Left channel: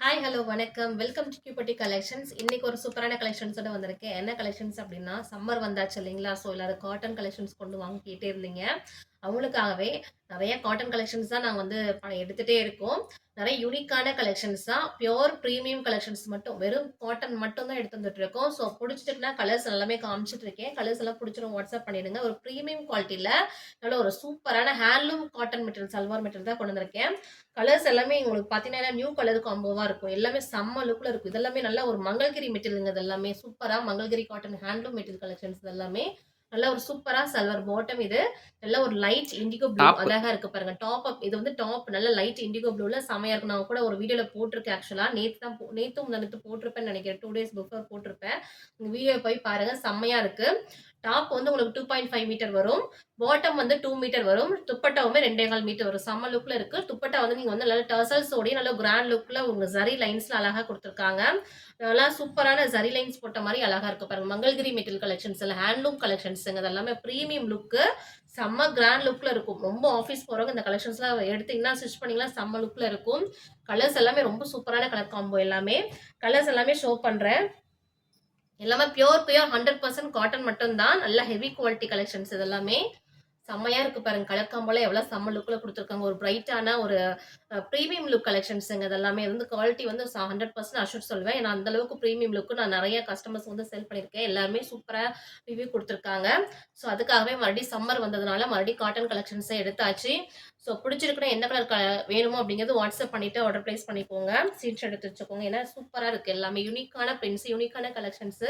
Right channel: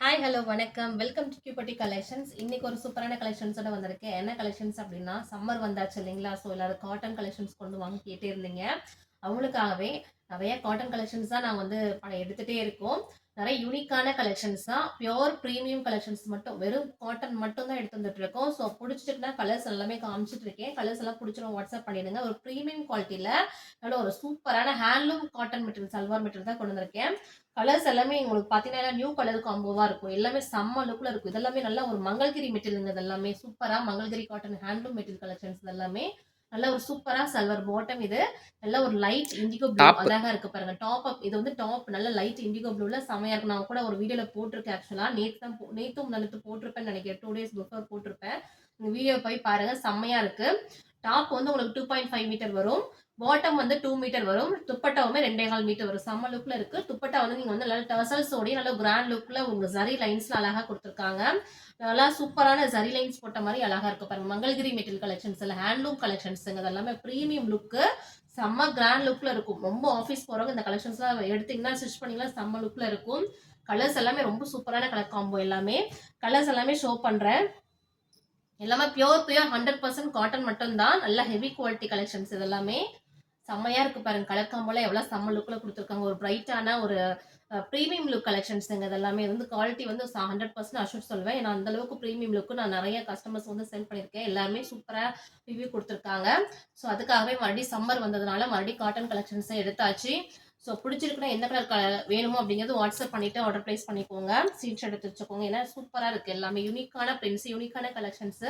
Hi hello வணக்கம் welcome to கியூபட்டி collections. இன்னைக்கு ஒரு சூப்பரான கலெக்ஷன்ஸோட வந்திருக்கேன். என்ன கலெக்ஷன்ஸ் அப்படின்னா, சம்மர் வந்தாச்சு இல்லைங்களா? ஸோ எல்லாரும் காட்டன் கலெக்ஷன்ஸ் கொண்டு வாங்க கேட்டே இருந்தீங்க. அவங்களுக்காகவே நிறைய காட்டன் கலெக்ஷன்ஸ் தான் நான் வந்து எடுத்துகிட்டே இருக்கோம். நிறைய யூனிக்கான கலெக்ஷன்ஸ் தான், பியோர் ப்ரீமியம் கலெக்ஷன்ஸ் மட்டும், வெறும் காட்டன் மட்டும் தான் எடுத்து வந்துட்டு இருக்கோம். ஸோ பிடிச்சிட்டுனா கலர்ஸ் எல்லாமே காமிச்சிட்டு இருக்கேன். கலர்ஸ் எல்லாம் பிடிச்சிடும் வாட்ஸ்அப் பண்ணிடுங்க. ஒரு ப்ரீமியம் குவாலிட்டியில் நல்ல ஒரு சூப்பரான handloom cotton material, salwar material தான் கொண்டு வந்திருக்கேன். கலர்ஸ் எல்லாமே உங்களுக்கு பார்த்தீங்கன்னா நியூ கலர் காம்போவாக இருக்கும். எல்லாமே செம்ம லுக்கில் இருக்கும். இதெல்லாமே நல்ல ஒரு மங்கள்கிரி மெட்டீரியலுங்க. இதெல்லாமே சூப்பராக Mangalagiri cotton handloom material collections எல்லாமே நல்ல ஒரு சூப்பரா சல்வார் பாட்டம். இது நல்ல ஒரு லைட் இண்டிகோ ப்ளூ டாப்பு. அழகா இருக்கு பாருங்க. டாப் அப் இது வந்து டாப் நல்ல லைட் இண்டிகோ ப்ளூல செமையா இருக்கு. நான் கூட ஒரு வீடியோல போட்டிருக்கேன். ஆக்சுவலா நேத்தும் முந்தானேத்து போட்டிருப்பேன்னு நினைக்கிறேன். 2 டேஸ் பிஃபோர் போட்டிருப்பேன். இந்த வீடியோ போய் பாருங்க, செம்மையா இருக்கு. டாப் வந்து உங்களுக்கு 2.5 மீட்டர் வரும். பாட்டம் வந்து 2 மீட்டர் வரும். துப்பட்டாவுமே 2.25 மீட்டர் வரும். செம்ம லுக்ல இருக்கு. துப்பட்டா வந்து நீங்க வந்து நல்ல டர்சல்ஸோடய நல்ல கிராண்ட் லுக்ல உங்க ஜரி லைன்ஸ்ல அழகா கொடுத்துருக்காங்க. நல்லா சூப்பரான ஜரி லைன்ஸ் போட்ட மாதிரி அழகா இருக்கு பாருங்க. மங்கள்கிரி மெட்டீரியல் கலெக்ஷன்ஸ் எல்லாம் ஹேண்ட்லூம் கலெக்ஷன்ஸுங்க. அது எல்லாமே ப்ரீமியம் லுக்கு, செம்ம கிராண்ட் லுக்ல இருக்கும். ரொம்ப ஆஃபீஸ் போறவங்க இந்த கலெக்ஷன்ஸ்லாம் எடுத்தீங்கன்னா ஸ்டிச் பண்ணீங்கன்னா செம்ம லுக்ல இருக்கும். கலர்ஸ் எல்லாமே ரொம்ப சூப்பரான கலர் காம்போ. எல்லாமே கலர்ஸ் எல்லாமே ஷோ பண்றேன். எல்லாமே பியோர் 100% காட்டன் மட்டும் தான். நல்ல ஹெவி குவாலிட்டி கலெக்ஷன்ஸ் இது எல்லாமே. செம்மையா இருக்கு பாருங்க. கலர் காம்போல எவ்வளவு செம்ம லுக்ல கொடுத்துருக்காங்க. ஒரு பிரைட்டான ஒரு ப்ரீமியம் லுக் கலெக்ஷன்ஸுங்க. இது எல்லாமே வந்து குவாலிட்டி வந்து 100% அஷ்யூர் சொல்வேன். ஏன்னா அந்த அளவுக்கு ப்ரீமியம் லுக்கு நான் நிறைய கஸ்டமர்ஸ் வந்து செல் பண்ணியிருக்கேன். எல்லாருமே சூப்பரா ரிவ்யூ கொடுத்துருக்காங்க. ஸோ அதுக்காகவே மறுபடியும் சம்மர் வந்ததுனால மறுபடியும் காட்டன் கலெக்ஷன்ஸை எடுத்தாச்சு. ஸோ பிடிச்சிருக்குன்னா எந்த கலர் வேணுமோ அப்படிங்கிறது வாட்ஸ்அப் பண்ணிட்டு ஆர்டர் பிளேஸ் பண்ணிக்கோங்க. ஸ்க்ரீன்ஷாட் எடுத்து வச்சுக்கோங்க. ஏன்னா சூப்பரா இருக்கு. எல்லாமே யூனிக்கான பிரிண்ட்ஸ், யூனிக்கான கலெக்ஷன்ஸ்.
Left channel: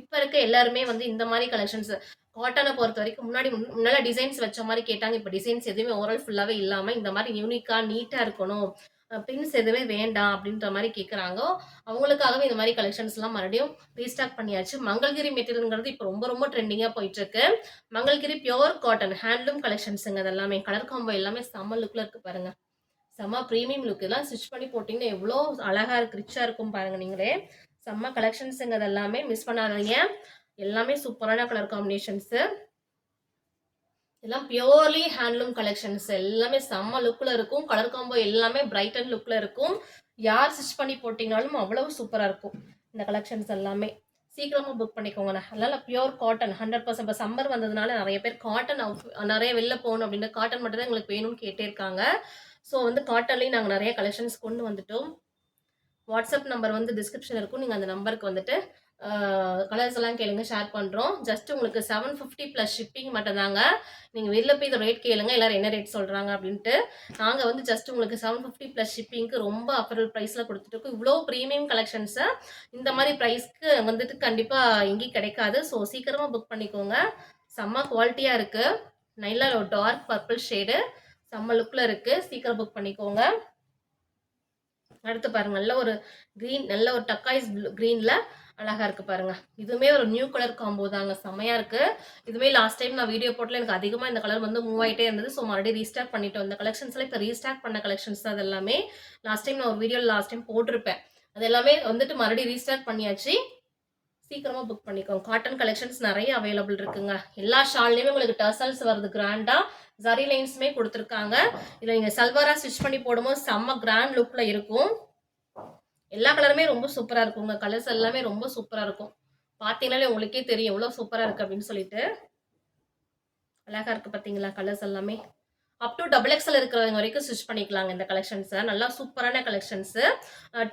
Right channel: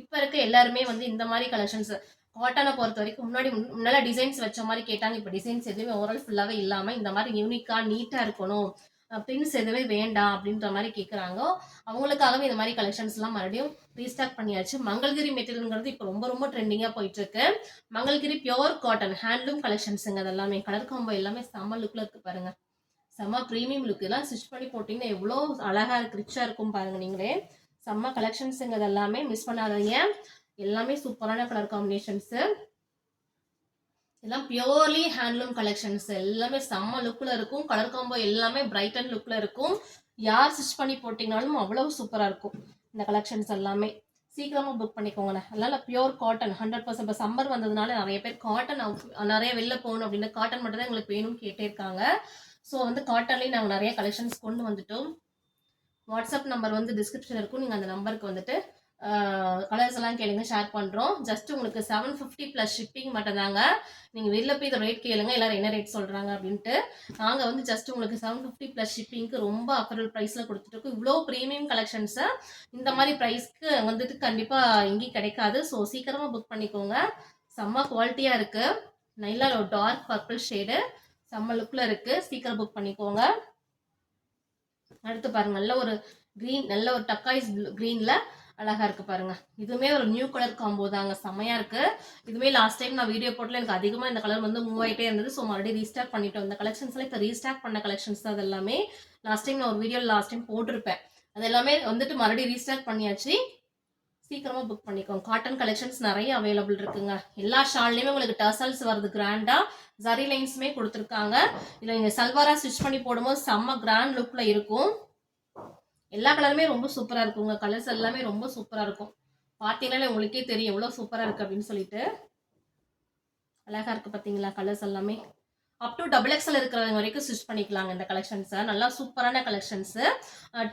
இப்ப இருக்க எல்லாருமே வந்து இந்த மாதிரி கலெக்ஷன்ஸ் காட்டனை பொறுத்த வரைக்கும் முன்னால டிசைன்ஸ் வச்ச மாதிரி கேட்டாங்க. இப்போ டிசைன்ஸ் எதுவுமே ஓவரால் ஃபுல்லாவே இல்லாம இந்த மாதிரி யூனிக்கா நீட்டா இருக்கணும், பின்ஸ் எதுவே வேண்டாம் அப்படின்ற மாதிரி கேட்குறாங்க. அவங்களுக்காகவே இந்த மாதிரி கலெக்ஷன்ஸ் எல்லாம் மறுபடியும் ரீஸ்டாக் பண்ணியாச்சு. மங்கள்கிரி மெட்டீரியல்ங்கிறது இப்போ ரொம்ப ரொம்ப ட்ரெண்டிங்கா போயிட்டு இருக்கு. மங்கள்கிரி பியோர் காட்டன் ஹேண்ட்லூம் கலெக்ஷன்ஸுங்க. அது எல்லாமே கலர் காம்போ எல்லாமே செம்ம லுக்ல இருக்கு பாருங்க. செம்ம ப்ரீமியம் லுக். இதெல்லாம் ஸ்டிச் பண்ணி போட்டிங்கன்னா எவ்வளோ அழகா இருக்கு, ரிச்சா இருக்கும் பாருங்க. நீங்களே செம்ம கலெக்ஷன்ஸுங்க. அது எல்லாமே மிஸ் பண்ணாதீங்க. எல்லாமே சூப்பரான கலர் காம்பினேஷன்ஸ். எல்லாம் பியோர்லி ஹேண்ட்லூம் கலெக்ஷன்ஸ். எல்லாமே செம்ம லுக்ல இருக்கும். கலர் காம்போ எல்லாமே பிரைட் அண்ட் லுக்ல இருக்கும். யார் ஸ்டிச் பண்ணி போட்டீங்கனாலும் அவ்வளவு சூப்பரா இருக்கும் இந்த கலெக்ஷன்ஸ் எல்லாமே. சீக்கிரமா புக் பண்ணிக்கோங்க. அதனால பியோர் காட்டன் 100%. இப்போ சம்மர் வந்ததுனால நிறைய பேர் காட்டன் நிறைய வெளில போகணும் அப்படின்னு காட்டன் மட்டும் தான் எங்களுக்கு வேணும்னு கேட்டே இருக்காங்க. ஸோ வந்து காட்டன்லேயும் நாங்கள் நிறைய கலெக்ஷன்ஸ் கொண்டு வந்துட்டோம். வாட்ஸ்அப் நம்பர் வந்து டிஸ்கிரிப்ஷன் இருக்கும். நீங்கள் அந்த நம்பருக்கு வந்துட்டு கலர்ஸ் எல்லாம் கேளுங்க, ஷேர் பண்ணுறோம். ஜஸ்ட் உங்களுக்கு 750 ப்ளஸ் ஷிப்பிங் மட்டும் தாங்க. நீங்கள் வெளில போய் இந்த ரேட் கேளுங்க, எல்லாரும் என்ன ரேட் சொல்கிறாங்க அப்படின்ட்டு. நாங்கள் வந்து ஜஸ்ட் உங்களுக்கு 750 ப்ளஸ் ஷிப்பிங்க்கு ரொம்ப அஃபோர்டபுள் ப்ரைஸில் கொடுத்துட்ருக்கோம். இவ்வளோ ப்ரீமியம் கலெக்ஷன்ஸை இந்த மாதிரி ப்ரைஸ்க்கு வந்துட்டு கண்டிப்பாக எங்கேயும் கிடைக்காது. ஸோ சீக்கிரமாக புக் பண்ணிக்கோங்க. செம்ம குவாலிட்டியாக இருக்குது. நல்ல ஒரு டார்க் பர்பிள் ஷேடு செம்ம லுக்கில் இருக்குது. சீக்கிரம் புக் பண்ணிக்கோங்க. அடுத்து பாருங்க, நல்ல ஒரு கிரீன், நல்ல ஒரு டக்காய்ஸ் கிரீன்ல அழகா இருக்கு பாருங்க. இதுவுமே ஒரு நியூ கலர் காம்போ தாங்க, செமையா இருக்கு. இதுவே லாஸ்ட் டைம் நான் வீடியோ போட்டல எனக்கு அதிகமா இந்த கலர் வந்து மூவ் ஆயிட்டே இருந்தது. ஸோ மறுபடியும் ரீஸ்டாக் பண்ணிட்டோம். இந்த கலெக்ஷன்ஸ்ல இப்போ ரீஸ்டாக் பண்ண கலெக்ஷன்ஸ் தான். அது எல்லாமே லாஸ்ட் டைம் நான் ஒரு வீடியோ லாஸ்ட் டைம் போட்டிருப்பேன். அது எல்லாமே வந்துட்டு மறுபடியும் ரீஸ்டாக் பண்ணியாச்சு. சீக்கிரமா புக் பண்ணிக்கோங்க. காட்டன் கலெக்ஷன்ஸ் நிறைய அவைலபிள் இருக்குங்க. எல்லா ஷால்லையுமே உங்களுக்கு டர்சல்ஸ் வருது கிராண்டா. ஜரி லைன்ஸுமே கொடுத்துருக்காங்க. இதில் நீங்கள் சல்வாரா ஸ்டிச் பண்ணி போடும்போது செம்ம கிராண்ட் லுக்கில் இருக்கும். எல்லா கலருமே ரொம்ப சூப்பராக இருக்குங்க. கலர்ஸ் எல்லாமே ரொம்ப சூப்பராக இருக்கும். பார்த்தீங்கன்னாலே உங்களுக்கே தெரியும் எவ்வளோ சூப்பராக இருக்குது அப்படின்னு சொல்லிட்டு. அழகாக இருக்குது பார்த்தீங்களா கலர்ஸ் எல்லாமே. அப் டு XXL இருக்கிறவங்க வரைக்கும் ஸ்டிச் பண்ணிக்கலாங்க இந்த கலெக்ஷன்ஸை. நல்லா சூப்பரான கலெக்ஷன்ஸு.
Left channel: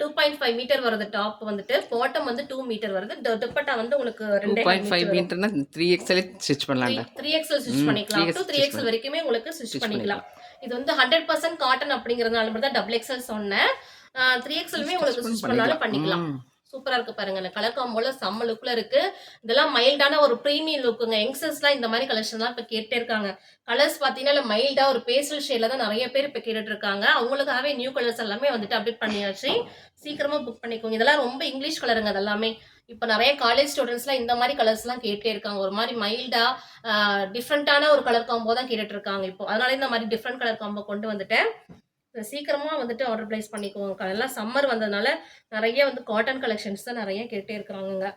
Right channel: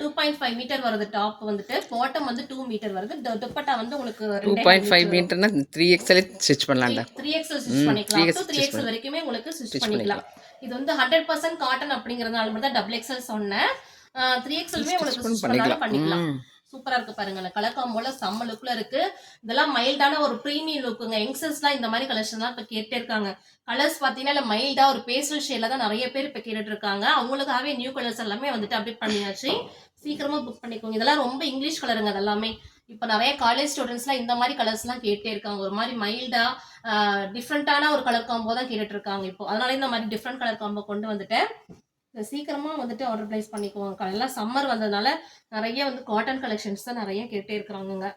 2.5 மீட்டர் வருது டாப் வந்துட்டு. பாட்டம் வந்து 2 மீட்டர் வருது. துப்பட்டா வந்து உங்களுக்கு 2.5 2.5 மீட்டர் வரும். மீட்டர்னா 3XL ஸ்டிச் பண்ணலாம்டா. 3XL ஸ்டிச் பண்ணிக்கலாம். அப் டு 3X 3XL வரைக்குமே உங்களுக்கு ஸ்டிச் ஸ்டிச் பண்ணிக்கலாம். பண்ணிக்கலாம். இது வந்து 100% காட்டன் அப்படிங்கிறதுனால மட்டும் தான் XXL சொன்னேன். 3XLமே ஸ்டிச் உங்களுக்கு ஸ்டிச் பண்ணாலும் பண்ணிக்கலாம். பண்ணிக்கலாம். சூப்பரா இருக்கு பாருங்க. இந்த கலர் காம்போல செம்ம லுக்ல இருக்கு. இதெல்லாம் மைல்டான ஒரு ப்ரீமியம் லுக்குங்க. யங்ஸ்டர்ஸ்லாம் இந்த மாதிரி கலெக்ஷன்லாம் இப்போ கேட்டே இருக்காங்க. கலர்ஸ் பார்த்தீங்கன்னா மைல்டா ஒரு பேஸ்டல் ஷேட்ல தான் நிறைய பேர் இப்போ கேட்டுட்டு இருக்காங்க. அவங்களுக்காகவே நியூ கலர்ஸ் எல்லாமே வந்துட்டு அப்டேட் பண்ணியாச்சு. சீக்கிரமா புக் பண்ணிக்கோங்க. இதெல்லாம் ரொம்ப இங்கிலீஷ் கலருங்க. அதெல்லாமே இப்போ நிறைய காலேஜ் ஸ்டூடெண்ட்ஸ்லாம் இந்த மாதிரி கலர்ஸ்லாம் கேட்டே இருக்காங்க. ஒரு மாதிரி மைல்டா டிஃப்ரெண்டான ஒரு கலர் காம்போ தான் கேட்டுட்டு இருக்காங்க இப்போ. அதனால இந்த மாதிரி டிஃப்ரெண்ட் கலர் காம்போ கொண்டு வந்துட்டேன். சீக்கிரமா வந்துட்டு ஆர்டர் பிளேஸ் பண்ணிக்குவோங்க. எல்லாம் சம்மர் வந்ததுனால நிறைய வந்து காட்டன் கலெக்ஷன்ஸ் தான் நிறைய கேட்டே இருக்கிறாங்கங்க.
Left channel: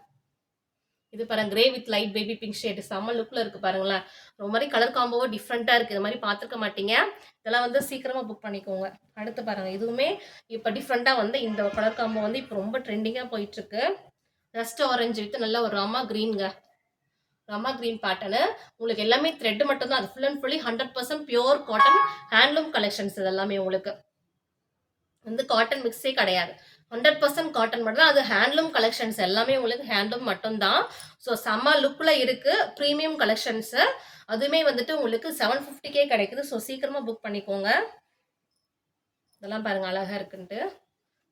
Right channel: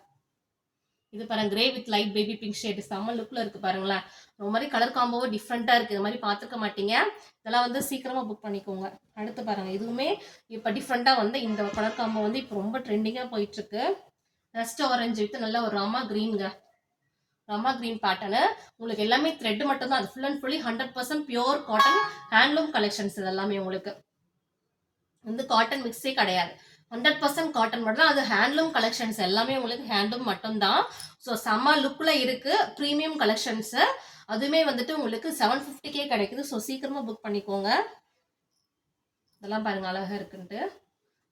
இது பாருங்க grey with light baby pink shade செம்ம லுக்ல இருக்கு பாருங்களேன். ஒரு மாதிரி கலர் காம்போவோ டிஃப்ரெண்ட்டாக இருக்குது. இது மாதிரி பார்த்துருக்க மாட்டீங்க. இதெல்லாம் வந்து சீக்கிரமாக புக் பண்ணிக்கோங்க. அடுத்து பாருங்க இதுவுமே இப்போ டிஃப்ரெண்ட்டாக வந்து இந்த கலர் காம்போ வந்து இப்போ ரொம்ப ட்ரெண்டிங்காக போயிட்டுருக்கு. ரஸ்ட் ஆரஞ்சு வித் நல்ல ஒரு ராமா க்ரீனுங்க. ராமா க்ரீன் பேட்டர்னு உங்களுக்கு எல்லாமே த்ரெட் மட்டும் தான். அது full and fully 100% pure cotton handloom collections இது எல்லாமே உங்களுக்கு வந்து காட்டன் மிக்ஸே கிடையாது. 100% காட்டன் மட்டும் தான். அது ஹேண்ட்லூம் கலெக்ஷன்ஸ் எல்லாமே உங்களுக்கு ஹேண்ட்லூம் மட்டும்தான். ஸோ செம்ம லுக்கில் இருக்குது. ப்ரீமியம் கலெக்ஷன்ஸு அதுவுமே வந்துட்டு உங்களுக்கு 750K கிடைக்குது. ஸோ சீக்கிரமாக புக் பண்ணிக்கோங்க. இதெல்லாம் பாருங்கள் அழகாக இருக்குன்ட்டு.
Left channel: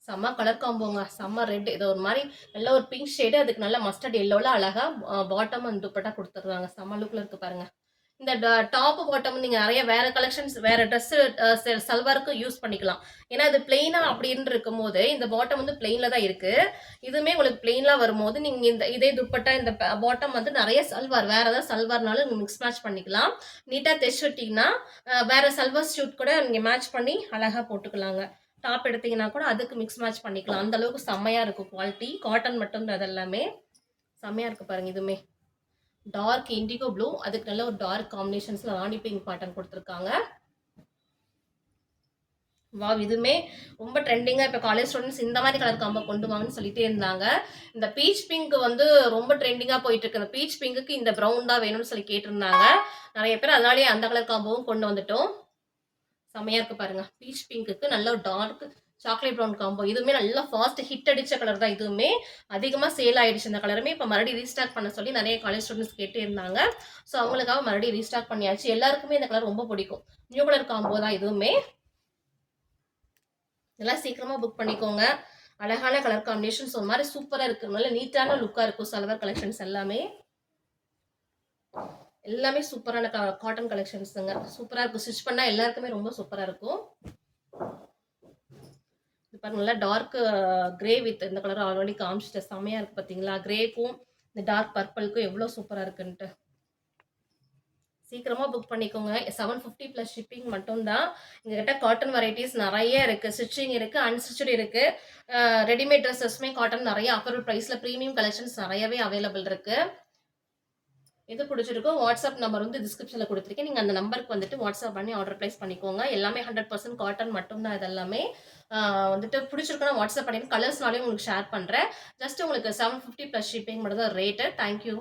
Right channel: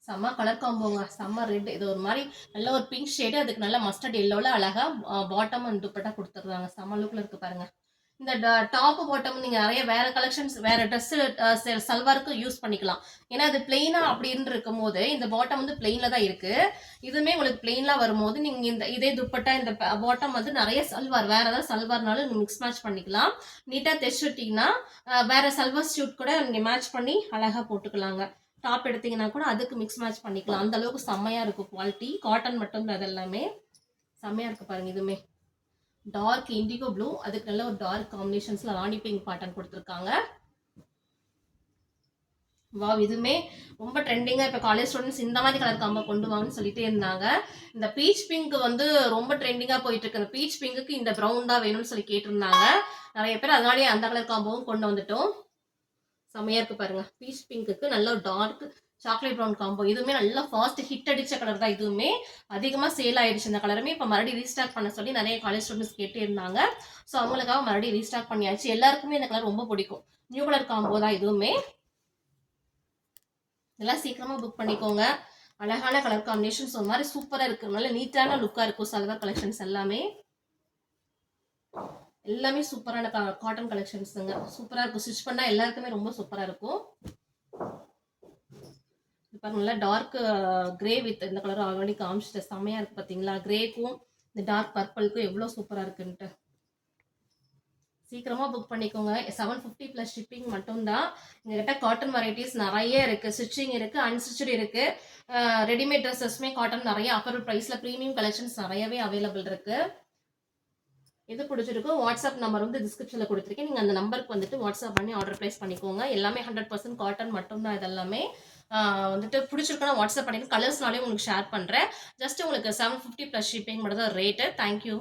செம்ம கலர் காம்போங்க. செம்ம ரெட். இது ஒரு மாதிரி நல்ல ஒரு பிங்க் ஷேடு. அதுக்கு நல்ல மஸ்டர்ட் எல்லோவில் அழகாக பாட்டம் அண்ட் துப்பட்டா கொடுத்துருக்காங்க. செம்ம லுக்கில் இருக்குது பாருங்கள். இந்த டாப்பு பாட்டம் நீங்கள் நிறைய வேறு கலெக்ஷன்ஸ் வேறு ட்ரெஸ்ஸு சல்வாருக்கு யூஸ் பண்ணிக்கலாம். ஏன்னா அது பிளெயினாக அப்படின்னு இருக்கும்போது இந்த பாட்டம் வந்து பிளெயினில் தான் இருக்குது. இதுவுமே உங்களுக்கு பிளெயினாக வரும்போது நீங்கள் இதே துப்பட்டா இந்த பாட்டம் வந்து நிறைய சல்வார் வேறு ஏதாவது சல்வார்னாலும் நீங்கள் மிக்ஸ் மேட்ச் பண்ணிக்கலாம். நீட்டாக தைச்சிட்டிங்கன்னா வேறு சல்வார் ஷூட் கூட நீங்கள் மேட்ச் பண்ணி அழகாக போட்டுக்கலாங்க. டாப் எடுத்தீங்கன்னா கூட அதுக்கு மிக்ஸ் மேட்ச் பண்ணிக்கலாம். அந்த அளவுக்கு செம்மையாக இருக்கும் குவாலிட்டி. காட்டன் மட்டும் தான் அது எல்லாமே செம்மையாக இருக்குது பாருங்கள். இதுவுமே டார்க் இண்டிகோ ப்ளூ அதுக்கு நல்ல ஒரு டார்க் காம்பினேஷன்ஸ்ல ராணி பிங்க் பாட்டன் கொடுத்துருக்காங்க. வா இதுவுமே ரொம்ப ட்ரெண்டிங்காக இப்போ காலேஜ் ஸ்டூடெண்ட்ஸ் இந்த மாதிரி கலர் காம்போ கொண்டு வாங்கன்னு சொல்லிட்டே இருந்தாங்க. இந்த பீச் பிங்க் வந்து ரொம்ப ட்ரெண்டிங்காக போயிட்டு இருக்கு. அந்த பீச் பிங்க்குக்கு இந்த ப்ரௌன் தான் வேணும்னு சொல்லி கேட்டிருந்தாங்க நிறைய பேர். அதனாலேயே அந்த கலர் காம்போவும் கொண்டு வந்துட்டோம். செம்மையாக இருக்குது பாருங்கள். பீச் பிங்க்குக்கு நல்ல ஒரு டார்க் சாக்லேட் ப்ரௌன் காம்போ. இதுவுமே நல்லா ஃபாஸ்ட் ஹிட் அடித்த கலர் தான். இதுவுமே அதிகமாக சேல் ஆகிடுச்சு. இந்த கலருமே இப்போ மறுபடியும் ரீஸ்டாக் பண்ண சொல்லி நிறைய காலேஜ் ஸ்டூடெண்ட்ஸ் கேட்டே இருந்தாங்க. ஸோ அவங்களுக்காக மறுபடியும் ரீஸ்டாக் பண்ணியாச்சு. எல்லாருக்குமே இந்த கலர் ரொம்ப பிடிக்கும். நியூ கலர் காம்போ தான் இதுவுமே. இதெல்லாம் சீக்கிரமாக புக் பண்ணிக்கோங்க. அழகான கலர் காம்பினேஷன்ஸ் ஒரு மாதிரி சூப்பராக இருக்குது. நல்ல நீட்டான லுக்காக இருக்கும் சல்வார் கலெக்ஷன்ஸ் எல்லாமே. எல்லாமே சூப்பரான காட்டன் கலெக்ஷன்ஸுங்க. சூப்பராக இருக்கும். ஸ்டிச் பண்ணால் எல்லாருக்குமே ரொம்ப சூப்பராக இருக்கும். பாருங்க நல்லா டார்க் கிரே வித் இந்த கலர் ஆல்ரெடி காமிச்சிட்டு செம்மையாக இருக்குது பார்த்தீங்களா. கிரேக்கும் இந்த டார்க் பர்பிளுக்கும் எவ்வளோ சூப்பராக இருக்குன்ட்டு. சீக்கிரமாக புக் பண்ணிக்கோங்க. 750 ப்ளஸ் ஷிப்பிங் மட்டும்தான். எங்ககிட்ட காட்டன் வெரைட்டிஸ் நிறைய இருக்குது. ஸ்டிச்சிங் இருக்குது, அன்ஸ்டிச்சட் இருக்குது. ரெடிமேட் ட்ரெஸ்ஸஸ்மே காட்டன் நிறைய ஆஃபர் ப்ரைஸில் ப்ரீமியம் கலெக்ஷன்ஸ் நிறையவே அவைலபிள் இருக்குது. எது பிடிச்சிருக்கோ வாட்ஸ்அப் நம்பர் வந்து டிஸ்கிரிப்ஷனில் கொடுத்துருக்கேன். நீங்கள் அந்த நம்பருக்கு வந்துட்டு வாட்ஸ்அப் பண்ணி ஆர்டர் ப்ளேஸ் பண்ணிக்கோங்க. எல்லாமே 100% காட்டன் மட்டும்தான். இதெல்லாமே வந்துட்டு பிடிச்சிருக்குன்னா வாட்ஸ்அப் பண்ணிட்டு கலர்ஸ்னாலே உங்களுக்கு ஷேர் பண்ணுறேன். ஜஸ்ட் உங்களுக்கு 750 ப்ளஸ் ஷிப்பிங் மட்டும் தான் ரேட்டு. தேங்க்யூ.